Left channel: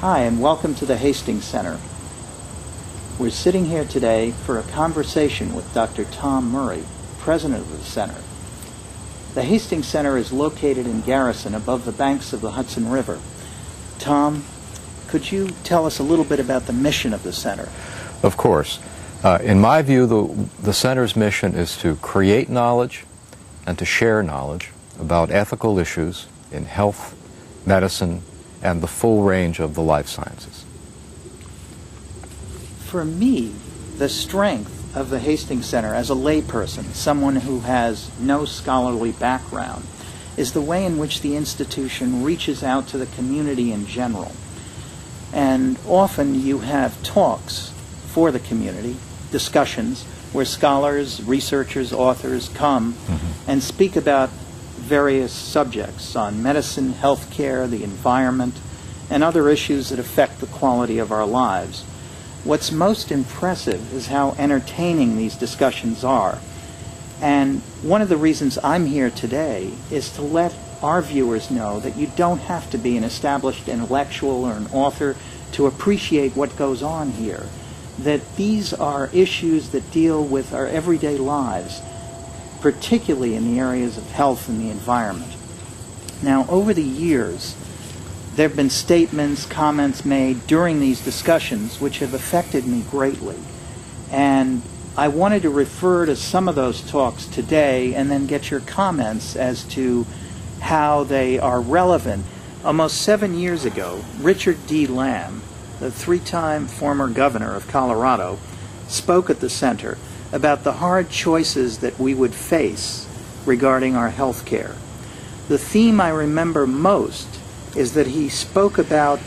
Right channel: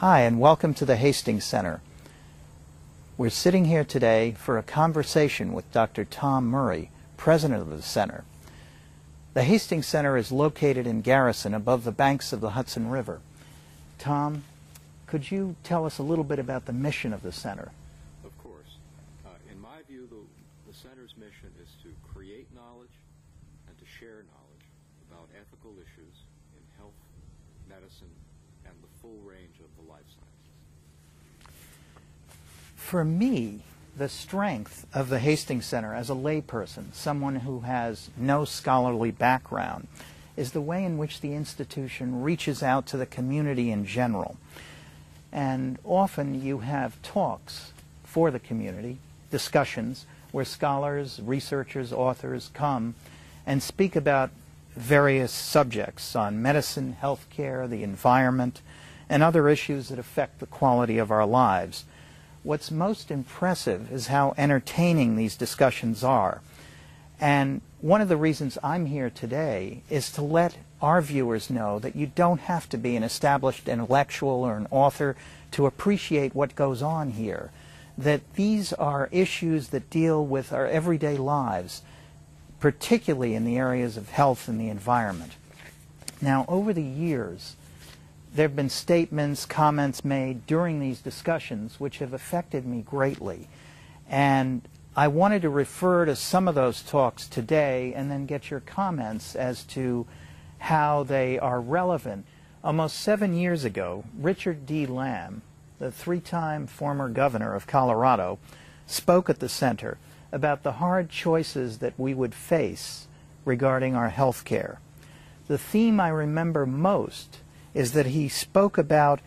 Hi, and welcome to the Hastings Center. We're sitting here today for a conversation with Dr. Tom Murray, president of the center. The Hastings Center is located in Garrison, above the banks of the Hudson River. Tom, could you tell us a little bit about the mission of the center? Of course. In my view, the center's mission is to create knowledge and to share knowledge about ethical issues in health, medicine, and the full range of the life sciences. For me, the strength of the Hastings Center as a layperson, someone who has no scholarly background, is the way in which the institution reaches out to the community in general. And often you have talks for the community, discussions, where scholars, researchers, authors come and speak about various subjects on medicine, healthcare, the environment, and other issues that affect the quality of our lives. What's most impressive is how entertaining these discussions are. And one of the reasons I'm here today is to let our viewers know that you don't have to be an established intellectual or an author to appreciate what goes on here. That these are issues that deal with our everyday lives, particularly in the areas of health and the environment. Now, over the years, there have been statements, comments made during these discussions which have affected me greatly. And I wanted to refer to some of those talks today and then get your comments as to how they are relevant. Almost 7 years ago, Richard D. Lamb, the three-time former governor of Colorado, spoke at the center about the hard choices that we would face regarding our health care. The theme I remember most is that he spoke about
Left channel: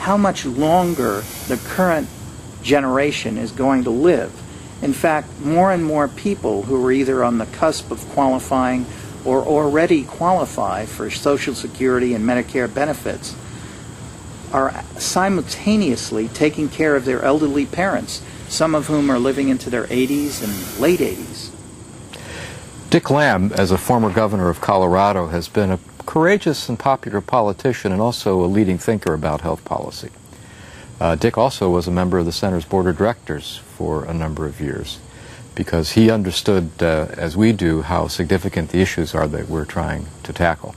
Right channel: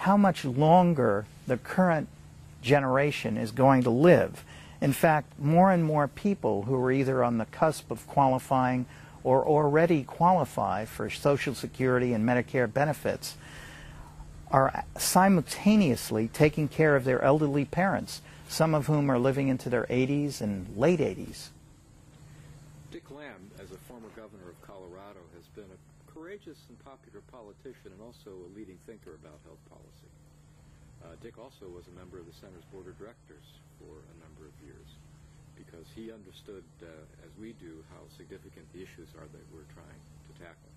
how much longer the current generation is going to live. In fact, more and more people who are either on the cusp of qualifying or already qualify for Social Security and Medicare benefits are simultaneously taking care of their elderly parents, some of whom are living into their 80s and late 80s. Dick Lamb, as a former governor of Colorado, has been a courageous and popular politician and also a leading thinker about health policy. Dick also was a member of the center's board of directors for a number of years because he understood, as we do, how significant the issues are that we're trying to tackle.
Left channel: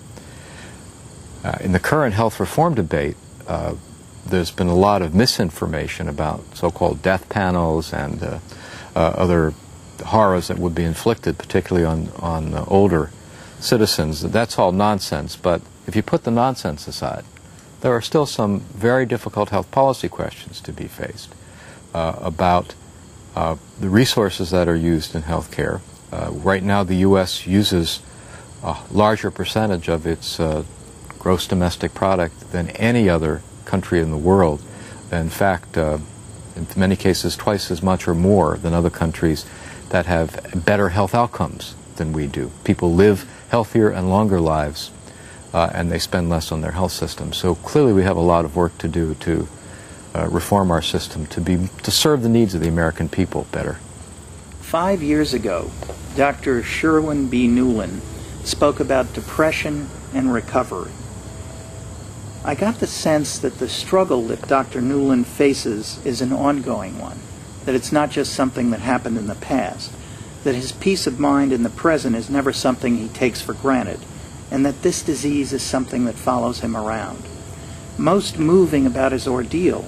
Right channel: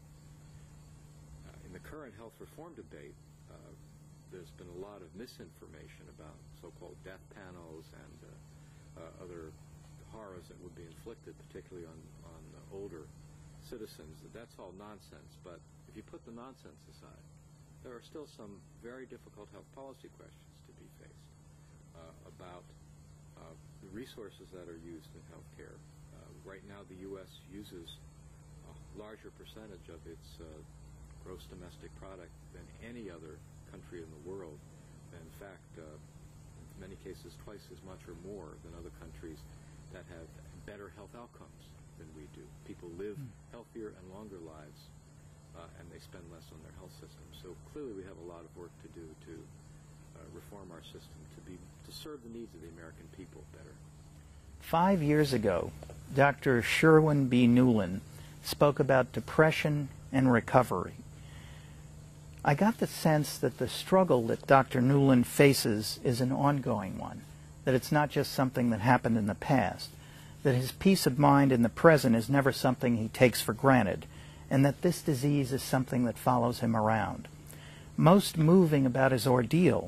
In the current health reform debate, there's been a lot of misinformation about so-called death panels and other horrors that would be inflicted, particularly on older citizens. That's all nonsense, but if you put the nonsense aside, there are still some very difficult health policy questions to be faced about the resources that are used in health care. Right now, the U.S. uses a larger percentage of its gross domestic product than any other country in the world. In fact, in many cases, twice as much or more than other countries that have better health outcomes than we do. People live healthier and longer lives, and they spend less on their health system. So clearly we have a lot of work to do to reform our system to serve the needs of the American people better. 5 years ago, Dr. Sherwin B. Nuland spoke about depression and recovery. I got the sense that the struggle that Dr. Nuland faces is an ongoing one, that it's not just something that happened in the past, that his peace of mind in the present is never something he takes for granted, and that this disease is something that follows him around. Most moving about his ordeal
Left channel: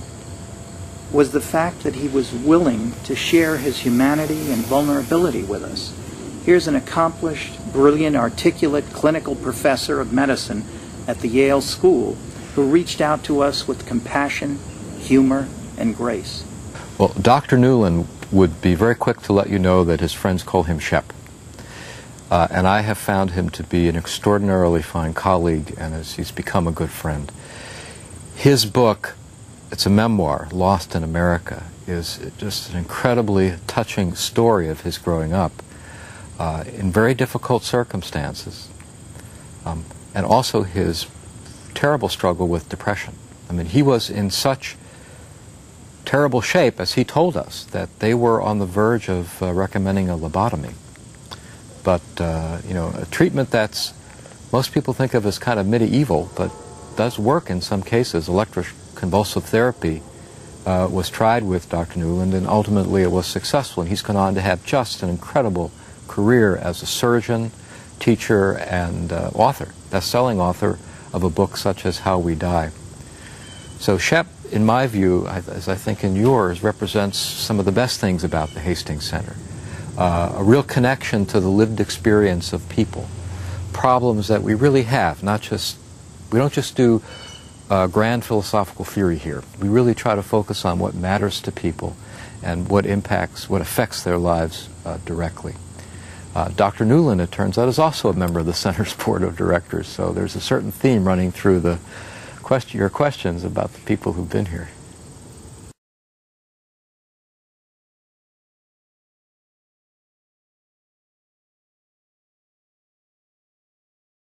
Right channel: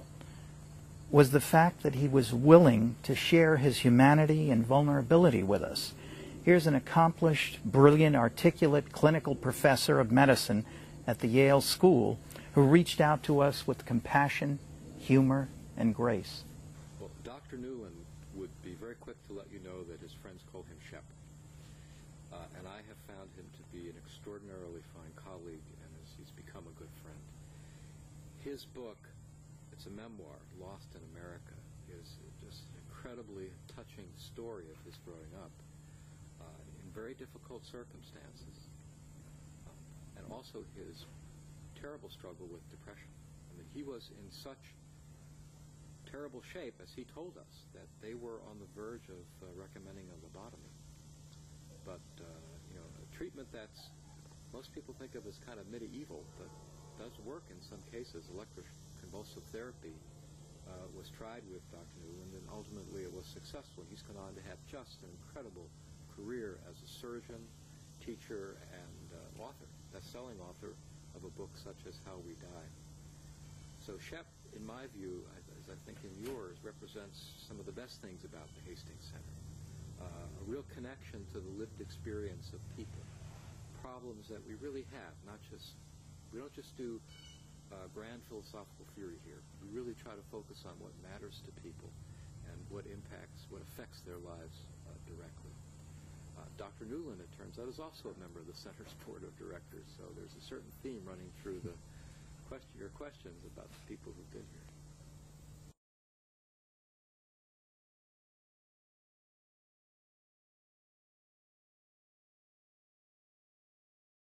was the fact that he was willing to share his humanity and vulnerability with us. Here's an accomplished, brilliant, articulate clinical professor of medicine at the Yale School who reached out to us with compassion, humor, and grace. Well, Dr. Nuland would be very quick to let you know that his friends call him Shep. And I have found him to be an extraordinarily fine colleague, and he's become a good friend. His book, it's a memoir, Lost in America, is just an incredibly touching story of his growing up in very difficult circumstances, and also his terrible struggle with depression. I mean, he was in such terrible shape, as he told us, that they were on the verge of recommending a lobotomy. But, you know, a treatment that's most people think of as kind of medieval, but does work in some cases, convulsive therapy was tried with Dr. Nuland, and ultimately it was successful. And he's gone on to have just an incredible career as a surgeon, teacher, and author, best-selling author of a book such as How We Die. So Shep, in my view, as I think in yours, represents some of the best things about the Hastings Center. A real connection to the lived experience of people, problems that we really have, we don't just do grand philosophical theory here. We really try to focus on what matters to people and what affects their lives directly. Dr. Nuland, it turns out, is also a member of the Center's Board of Directors, so there's a certain theme running through your questions about the people who've been here.